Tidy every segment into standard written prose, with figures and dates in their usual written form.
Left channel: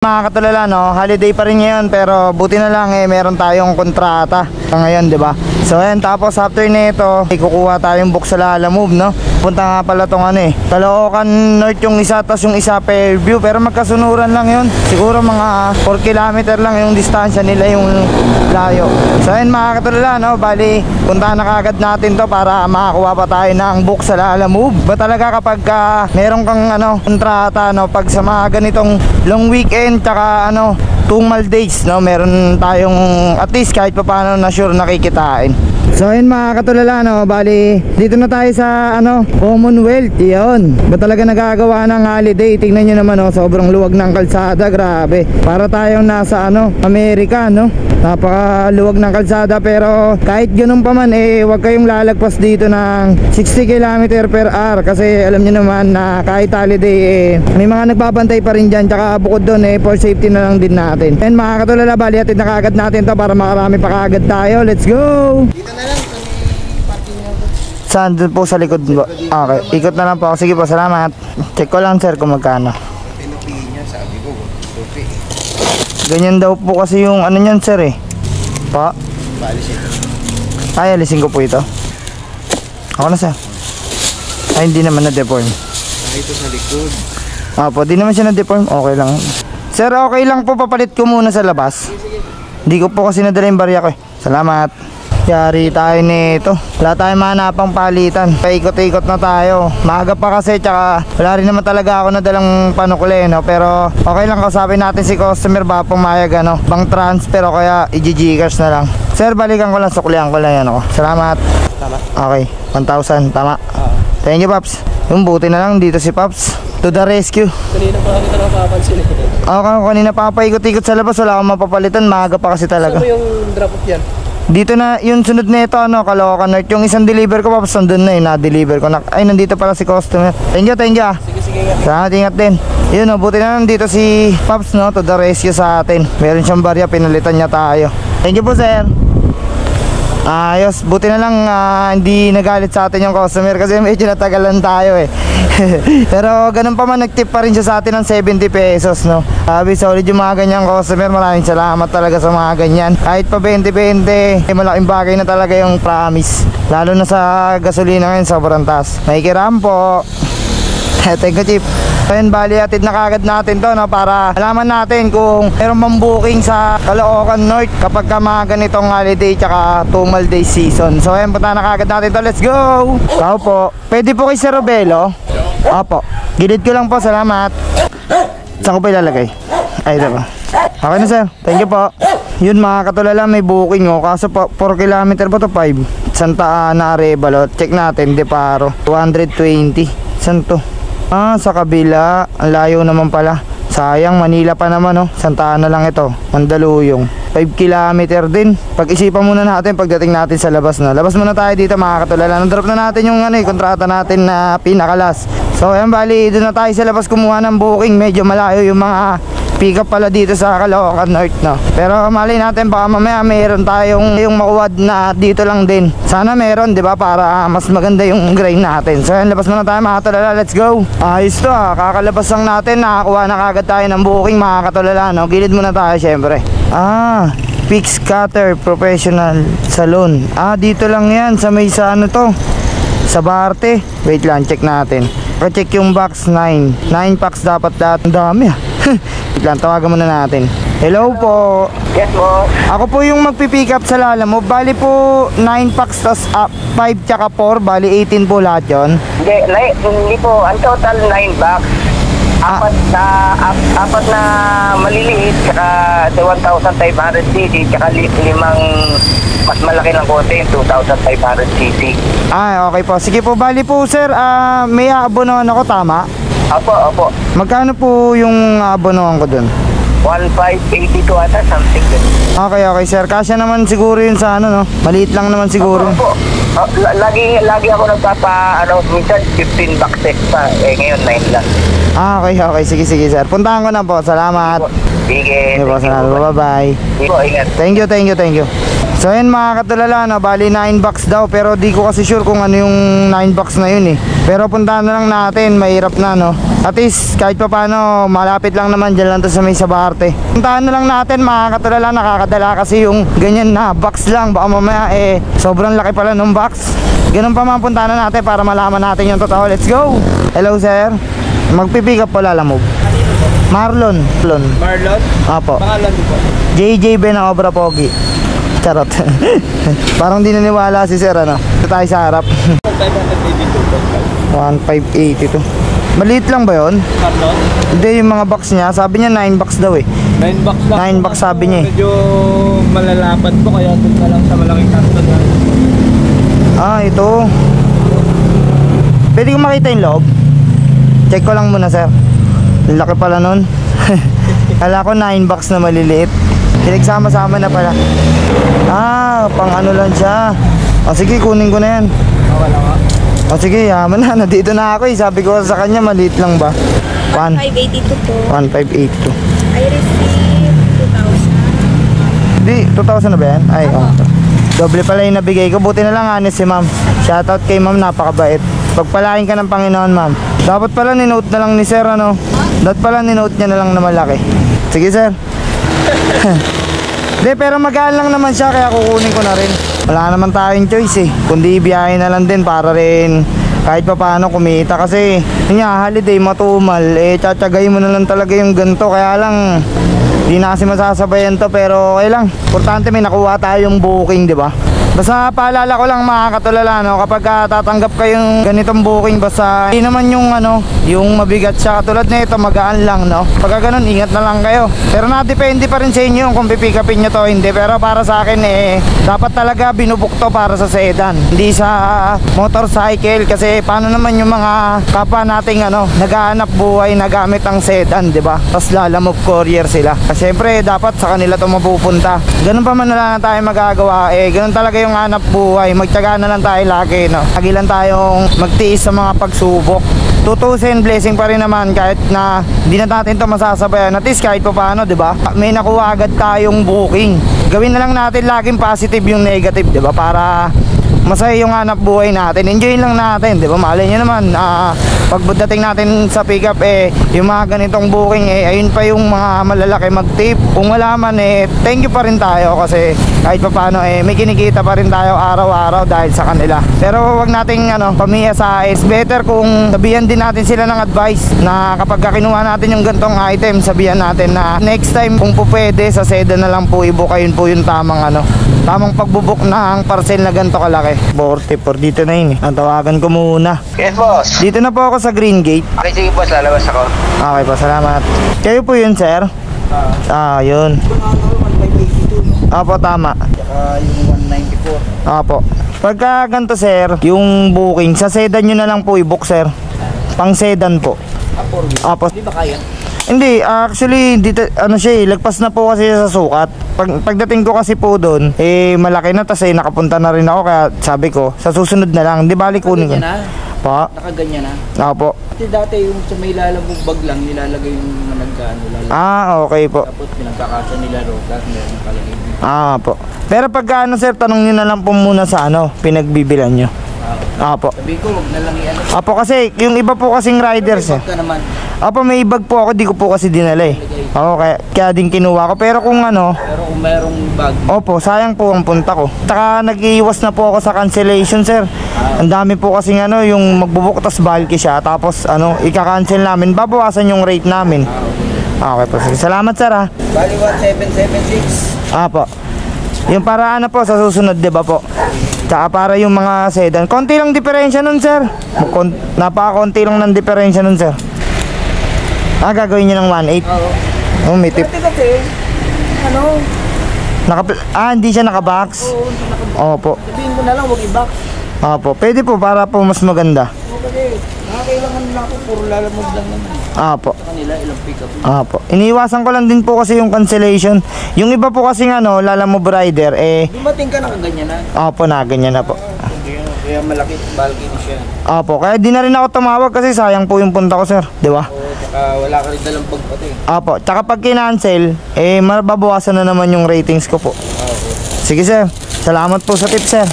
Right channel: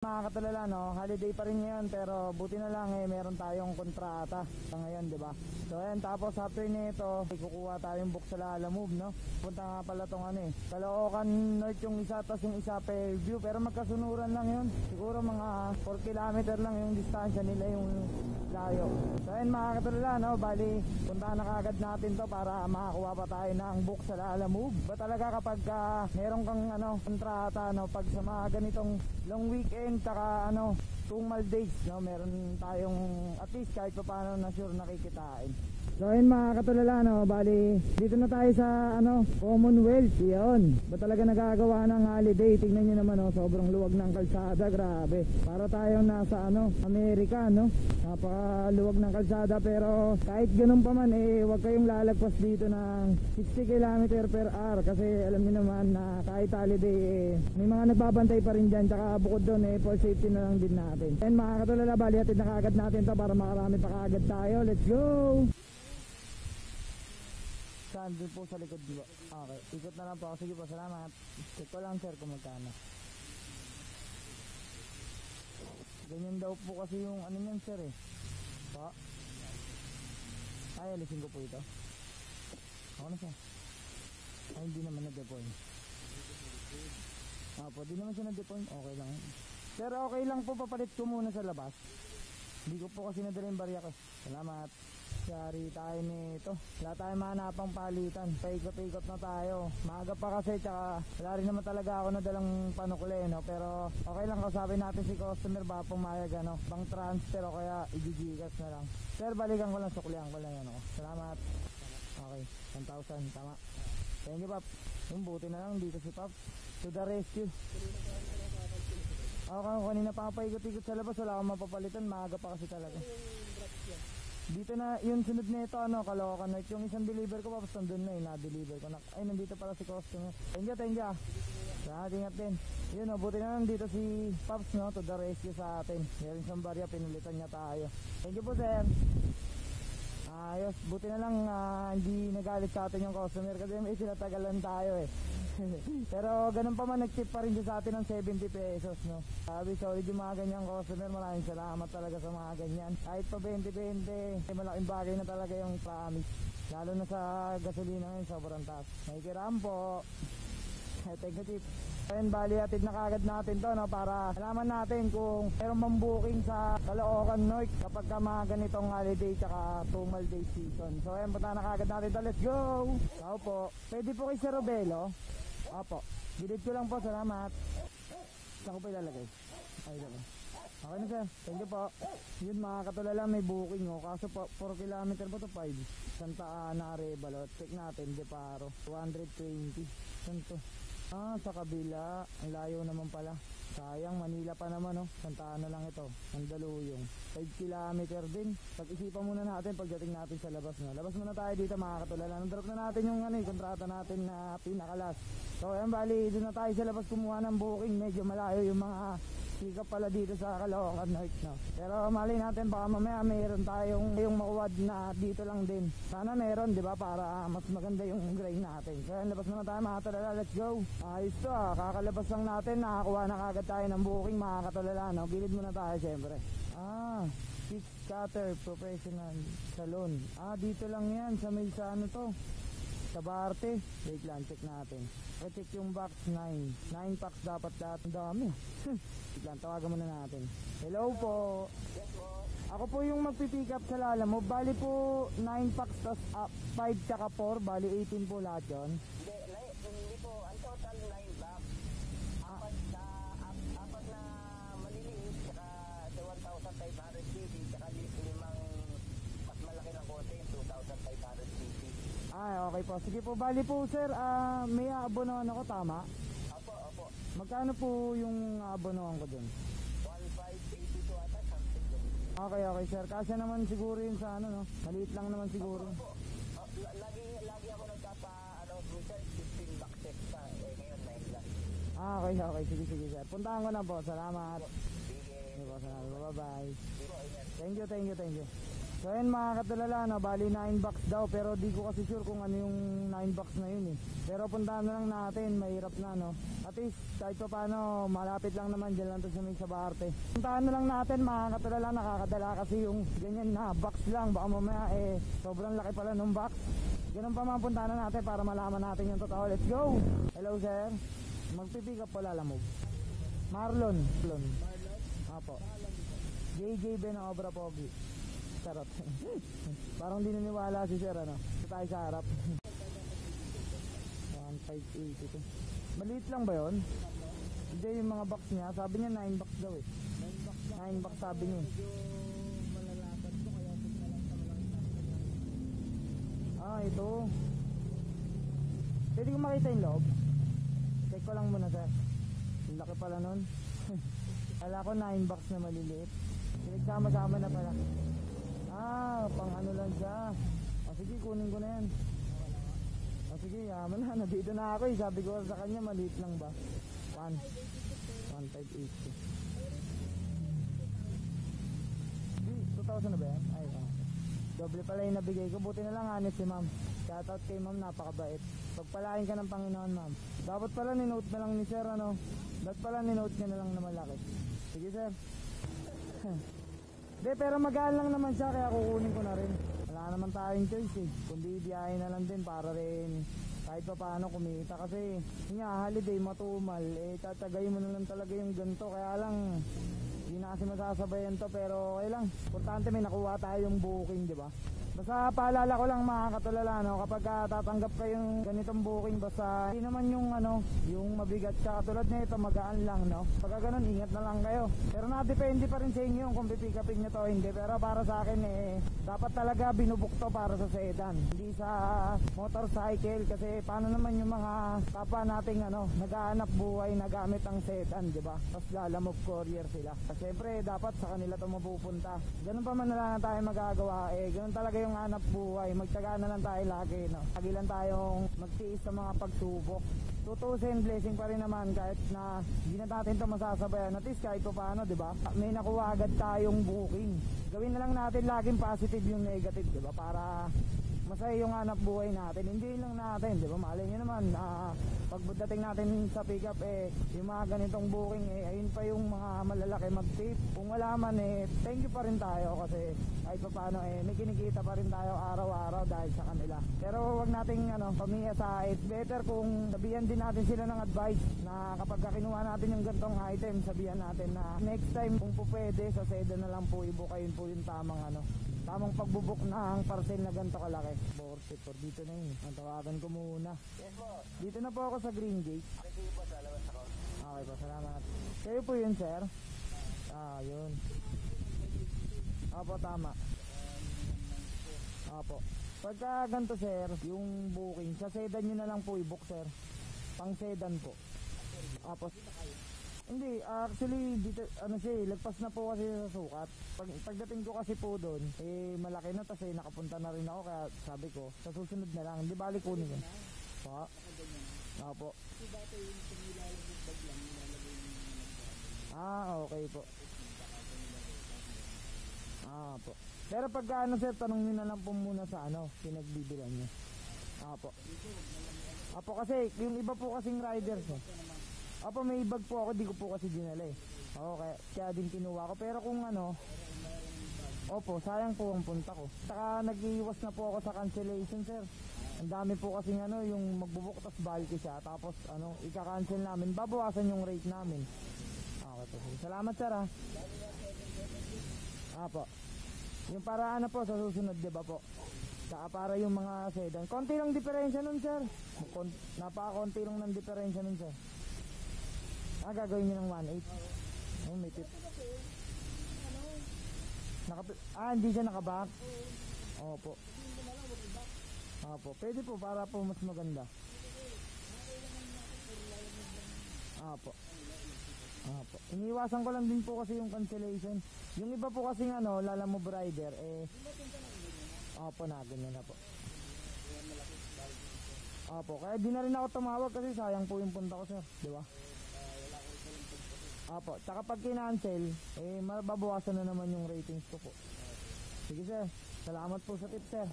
Mga katulala, no, holiday pa rin ngayon pero buti na lang meron tayong kontrata ngayon, 'di ba? So ayan, tapos after nito, kukuha tayong book sa Lalamove, no. Punta nga pala tong Caloocan North yung isa, tas yung isa Fairview, pero magkasunuran lang 'yun. Siguro mga 4 kilometer lang yung distansya nila, yung layo. So ayan mga katulala, no, bali puntahan na kagad natin 'to para makakuha pa tayo ng book sa Lalamove. Ba talaga kapag meron kang kontrata, no, pag sa mga ganitong long weekend tsaka 2 days, no, meron tayong at least kahit pa paano na sure nakikitain. So ayun mga katulala, no, bali dito na tayo sa Commonwealth. Yun, ba talaga nagagawa ng holiday? Tingnan nyo naman, sobrang luwag ng kalsada, grabe. Para tayong nasa Amerika, no. Napakaluwag ng kalsada, pero kahit ganun pa man, wag kayong lalagpas dito ng 60 km per hour kasi alam nyo naman na kahit holiday may mga nagbabantay pa rin dyan. Tsaka bukod doon for safety na lang din natin. And mga katulala, bali atid na kagad natin to para makarami pa kagad tayo. Let's go! Dito na lang, parking mo. Saan? Doon po sa likod po? Okay, ikot na lang po. Sige po, salamat. Check ko lang sir kung magkano. Ganyan daw po kasi yung niyan sir Pa? Ay, alisin ko po ito. Ako na sir. Ay, hindi naman na-deform. Ito sa likod. Apo, di naman siya na-deform. Okay lang. Sir, okay lang po, papalit ko muna sa labas. Hindi ko po kasi nadala yung barya ko Salamat. Yari tayo nito. Wala tayong mahanapang palitan. Paikot-ikot na tayo. Maaga pa kasi, tsaka wala rin naman talaga ako nadalang panukuli, no? Pero okay lang, kausapin natin si customer ba pumayag bang transfer o kaya i-gcash na lang. Sir, balikan ko lang, suklihan ko lang yan ako. Salamat. Tama. Okay, 1,000, tama. Thank you, Paps. Yung buti na lang dito si Paps. To the rescue. Kanina pa kita napapansin Okay, kanina pa paikot-ikot sa labas, wala akong mapapalitan. Maaga pa kasi talaga. Saan mo yung drop off yan? Dito na, yung sunod na ito, Caloocan North. Yung isang deliver ko, Paps, nandun na na-deliver ko. Ay, nandito pala si customer. Thank you. Sige nga. Salamat, ingat din. Yun, buti na nandito si Paps, no, to the rescue sa atin. Meron siyang barya, pinalitan niya tayo. Thank you po, sir. Ayos, buti na lang hindi nagalit sa atin yung customer kasi medyo natagalan tayo Pero ganun pa man, nagtip pa rin siya sa atin ng 70 pesos, no. Sabi, solid yung mga ganyang customer. Maraming salamat talaga sa mga ganyan. Kahit pa 20-20, malaking bagay na talaga yung promise. Lalo na sa gasolina ngayon, sobrang taas. Nakikiram po. Thank you, Chief. Ayun, bali atid na kagad natin to, no, para alaman natin kung meron bang booking sa Caloocan North kapag mga ganitong holiday tsaka 2 day season. So ayun, punta na kagad natin to. Let's go! Tao po. Pwede po kay Sir Robelo? Opo. Gilid ko lang po, salamat. Saan ko pa ilalagay? Ay, diba? Okay na sir, thank you po. Yun mga katulala, may booking kaso 4 km ba to? 5 Santa Ana, Arevalo. Check natin, Deparo 220. Saan to? Sa kabila. Ang layo naman pala. Sayang, Manila pa naman, Santa Ana lang ito, Mandaluyong. 5 kilometer din. Pag-isipan muna natin pagdating natin sa labas na. Labas muna tayo dito mga katulala. Nandrop na natin yung kontrata natin na pinakalas. So ayan, bali doon na tayo sa labas kumuha ng booking. Medyo malayo yung mga pick up pala dito sa Caloocan North, no. Pero malay natin baka mamaya meron tayong makuwad na dito lang din. Sana meron, 'di ba, para mas maganda yung grind natin. So ayan, labas muna tayo mga katulala. Let's go. Ayos to, kakalabas lang natin, nakakuha na kagad tayo ng booking mga katulala, no. Gilid muna tayo syempre. Fix Cutter Professional Salon. Dito lang yan sa may sa sa Barte. Wait lang, check natin. Check yung box 9 packs dapat lahat. Ang dami Wait lang, tawagan muna natin. Hello po. Yes po. Ako po yung magpipick up sa Lalamove. Bali po 9 packs tas 5 tsaka 4. Bali 18 po lahat yun. Hindi po. Ang total 9 box. Apat na maliliit tsaka 1,500 cc tsaka 5 mas malaki ng konti, 2,500 cc. Okay po. Sige po, bali po sir, may aabonohan ako, tama? Opo. Magkano po yung aabonohan ko dun? 1,582 ata, something good. Okay sir, kasya naman siguro yun sa no? Maliit lang naman siguro. Opo. Lagi ako minsan 15 bucks extra, ngayon 9 lang. Okay. Sige sir. Puntahan ko na po. Salamat. Sige. Okay po, salamat. Bye-bye. Sige po, ingat. Thank you. So yun mga katulala, no, bali 9 bucks daw, pero di ko kasi sure kung ano yung 9 bucks na yun eh. Pero puntahan na lang natin, mahirap na no. At least kahit pa paano, malapit lang naman, dyan lang to sa may Sabarte. Puntahan na lang natin mga katulala, nakakadala kasi yung ganyan na box lang. Baka mamaya sobrang laki pala ng box. Ganun pa mga puntahan na natin para malaman natin yung totoo. Let's go! Hello sir, magpipick up pala Lalamove. Marlon. Marlon? Apo. Pangalan mo po? JJ Ben ang Obra Pogi. Charot. Parang di naniwala si sir ano. Ito tayo sa harap. 1582. Maliit lang ba yun? Marlon? Hindi, yung mga box niya. Sabi niya 9 bucks daw eh. 9 bucks lang. 9 bucks sabi niya eh. Medyo malalapad po kaya doon ka lang sa malaking karton na. Ito. Pwede ko makita yung loob? Check ko lang muna sir. Laki pala nun. Kala ko 9 bucks na maliliit. Pinagsama-sama na pala. Pang ano lang siya. Sige, kunin ko na yan. Wala ka. Sige, yaman na. Nandito na ako eh. Sabi ko sa kanya, maliit lang ba? 1582 po. 1582. I received 2,000. Hindi, 2,000 na ba yan? Ay, doble pala yung nabigay ko. Buti na lang honest si ma'am. Shoutout kay ma'am, napakabait. Pagpalain ka ng Panginoon ma'am. Dapat pala ninote na lang ni sir ano. Dapat pala ninote niya na lang na malaki. Sige sir. Hindi, pero magaan lang naman siya kaya kukunin ko na rin. Wala naman tayong choice eh. Kundi ibiyahin na lang din para rin kahit pa paano kumita. Kasi yun nga, holiday, matumal. Tsatsagay mo na lang talaga yung ganito. Kaya lang, di na kasi masasabayan to. Pero okay lang. Importante may nakuha tayong booking, di ba? Basta paalala ko lang mga katulala, no, kapag tatanggap kayong ganitong booking, basta hindi naman yung yung mabigat siya. Katulad na ito, magaan lang, no. Pagka ganun, ingat na lang kayo. Pero nadepende pa rin sa inyo kung pipick upin nyo to, hindi. Pero para sa akin, dapat talaga binubuk to para sa sedan, hindi sa motorcycle. Kasi paano naman yung mga kapwa nating naghahanap buhay na gamit ang sedan, di ba? Tapos Lalamove courier sila. Siyempre, dapat sa kanila to mapupunta. Ganun pa man na lang tayo magagawa, ganun talaga yung hanap buhay. Magtiyaga na lang tayo lagi, no. Lagi lang tayong magtiis sa mga pagsubok. Tutusin, blessing pa rin naman kahit na hindi na natin to masasabayan. At least kahit pa paano, di ba? May nakuha agad tayong booking. Gawin na lang natin laging positive yung negative, di ba? Para masaya yung hanap buhay natin. Enjoy lang natin, di ba? Malay nyo naman, pagdating natin sa pick up, yung mga ganitong booking, ayun pa yung mga malalaki mag-tip. Kung wala man, thank you pa rin tayo kasi kahit pa paano, may kinikita pa rin tayo araw-araw dahil sa kanila. Pero wag nating pamiyasa. Is better kung sabihan din natin sila ng advice na kapag kinuha natin yung gantong item, sabihan natin na next time kung po pwede, sa sedan na lang po i-book. Ayun po yung tamang pagbubuk ng parcel na ganito kalaki. 44, dito na yun eh. Ang tawagan ko muna. Yes, boss. Dito na po ako sa Green Gate. Okay, sige, boss. Lalabas ako. Okay po, salamat. Kayo po yun, sir? Yun. Opo, tama. Tsaka yung 194. Opo. Pagka ganito, sir, yung booking, sa sedan nyo na lang po i-book, sir. Pang sedan po. Opo. Di ba kaya? Hindi, actually, dito, siya lagpas na po kasi sa sukat. Pagdating ko kasi po doon, malaki na, tas nakapunta na rin ako, kaya sabi ko, sa susunod na lang, di bali kunin ko. Nakaganyan na? Pa? Nakaganyan na? Opo. Dati yung sa may Lalamove bag lang, nilalagay yung lalagay. Okay po. Tapos pinagkakasa nila rotas, meron nakalagay. Po. Pero pagka sir, tanong nyo na lang po muna sa pinagbibilan nyo. Apo. Sabi ko, wag na lang Apo, kasi yung iba po kasing riders Bag ka naman. Apo, may bag po ako, di ko po kasi dinala eh. Oo, kaya din kinuha ko. Pero kung Pero kung merong bag, opo, sayang po ang punta ko. Taka nag-iiwas na po ako sa cancellation, sir. Ang dami po kasing yung magbubuk tas bulky siya. Tapos ika-cancel namin, babawasan yung rate namin. Okay po, sige. Salamat sir ha. bali 1776. Apo. Yung para po sa susunod, di ba po? Tsaka para yung mga sedan. Konti lang diferensya nun, sir. Napaka-konti lang ng diferensya nun, sir. Gagawin nyo ng 1.8. May tip. Kasi, Hindi siya nakabox. Opo. sabihin ko na lang, wag i-box. Opo. Pwede po para po mas maganda. Kasi, nakakailangan na ako, puro Lalamove lang naman. Opo. Sa kanila, ilang pick up. Opo. Iniiwasan ko lang din po kasi yung cancellation. Yung iba po kasi Lalamove rider, Dumating ka, nakaganyan na. opo, na ganyan na po. Kaya malaki, bulky na siya. Opo. Kaya di na rin ako tumawag kasi sayang po yung punta ko, sir. Di ba? Oo, Tsaka wala ka rin dalang bag pati. Apo, tsaka pag kinancel, eh mababawasan na naman yung ratings ko po. Okay. Sige sir, salamat po sa tip sir.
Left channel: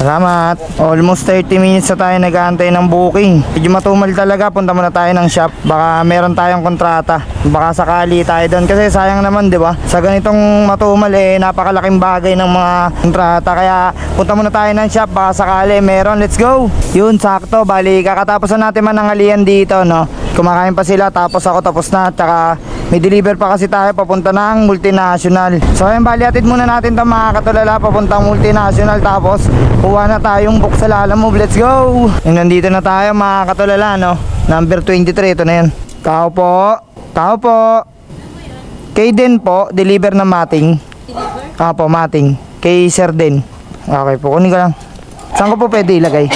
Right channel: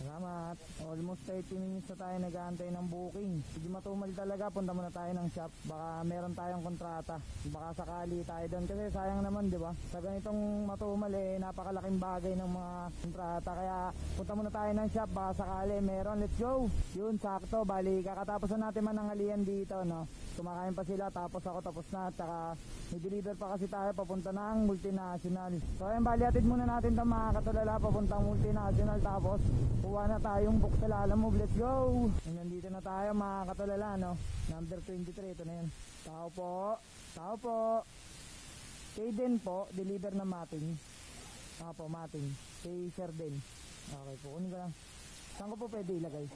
Salamat. Almost 30 minutes na tayo nag-aantay ng booking. Medyo matumal talaga, punta muna tayo ng shop. Baka meron tayong kontrata. Baka sakali tayo doon. Kasi sayang naman, di ba? Sa ganitong matumal, eh, napakalaking bagay ng mga kontrata. Kaya punta muna tayo ng shop. Baka sakali meron. Let's go! Yun, sakto. Bali, kakatapos na natin manangalian dito, no? Kumakain pa sila, tapos ako tapos na. Tsaka may deliver pa kasi tayo papunta ng multinational. So ayun, bali atid muna natin ito mga katulala papuntang multinational. Tapos kuha na tayong book sa Lalamove. Let's go! Yung nandito na tayo mga katulala, no? Number 23, ito na yan. Tao po. Tao po. Kay Den po, deliver na mating. Deliver? Opo, mating. Kay Sir Den. Okay po, kunin ko lang. Saan ko po pwede ilagay?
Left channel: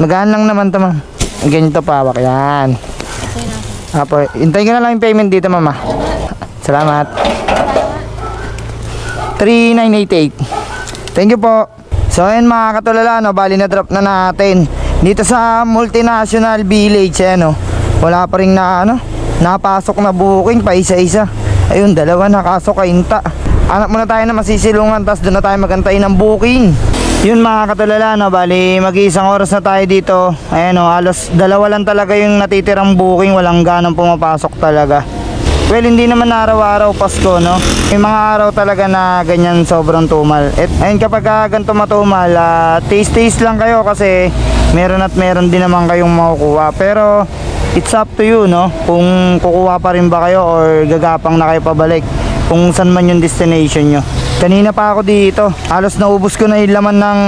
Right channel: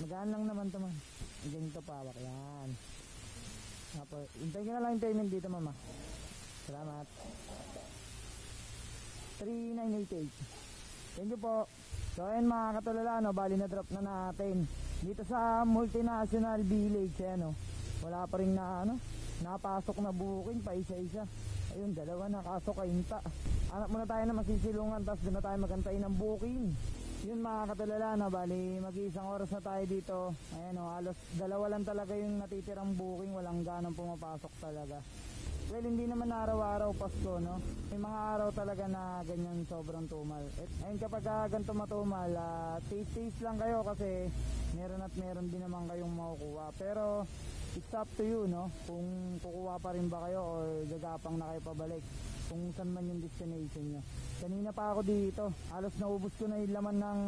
Magaan lang naman ito, ma'am. Ganito pa, hawak. Yan. Apo, hintayin ko na lang yung payment dito, mama. Salamat. 3988. Thank you po. So ayun mga katulala, no, bali na drop na natin dito sa multinational village, no. Wala pa rin na napasok na booking pa isa-isa. Ayun, dalawa nakasok kainta. Anak muna tayo na masisilungan, tapos doon na tayo magantay ng booking. Yun mga katulala, no, bali mag-iisang oras na tayo dito. Ayan, no, halos dalawa lang talaga yung natitirang booking, walang ganang pumapasok talaga. Well, hindi naman araw-araw Pasko, no. May mga araw talaga na ganyan sobrang tumal. Ayun, kapag ganito matumal, taste lang kayo kasi meron at meron din naman kayong makukuha. Pero it's up to you, no, kung kukuha pa rin ba kayo or gagapang na kayo pabalik kung saan man yung destination nyo. Kanina pa ako dito, halos naubos ko na yung laman ng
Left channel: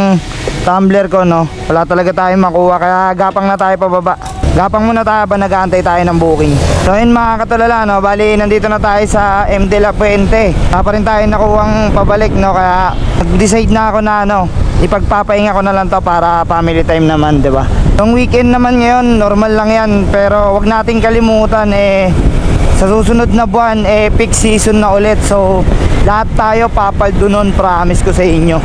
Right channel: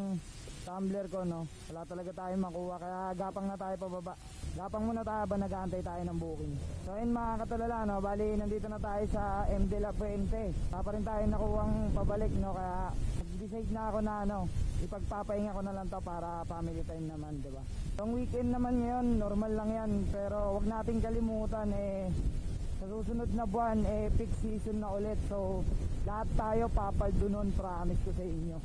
tumbler ko, no. Wala talaga tayong makuha, kaya gapang na tayo pababa. Gapang muna tayo ba nag-aantay tayo ng booking. So yun mga katulala, no, bali nandito na tayo sa M. De La Fuente. Wala pa rin tayo nakuhang pabalik, no, kaya nag-decide na ako na ipagpapahinga ko na lang to para family time naman, di ba? Yung weekend naman ngayon, normal lang yan, pero wag nating kalimutan, sa susunod na buwan, peak season na ulit. So lahat tayo papaldo nun, promise ko sa inyo.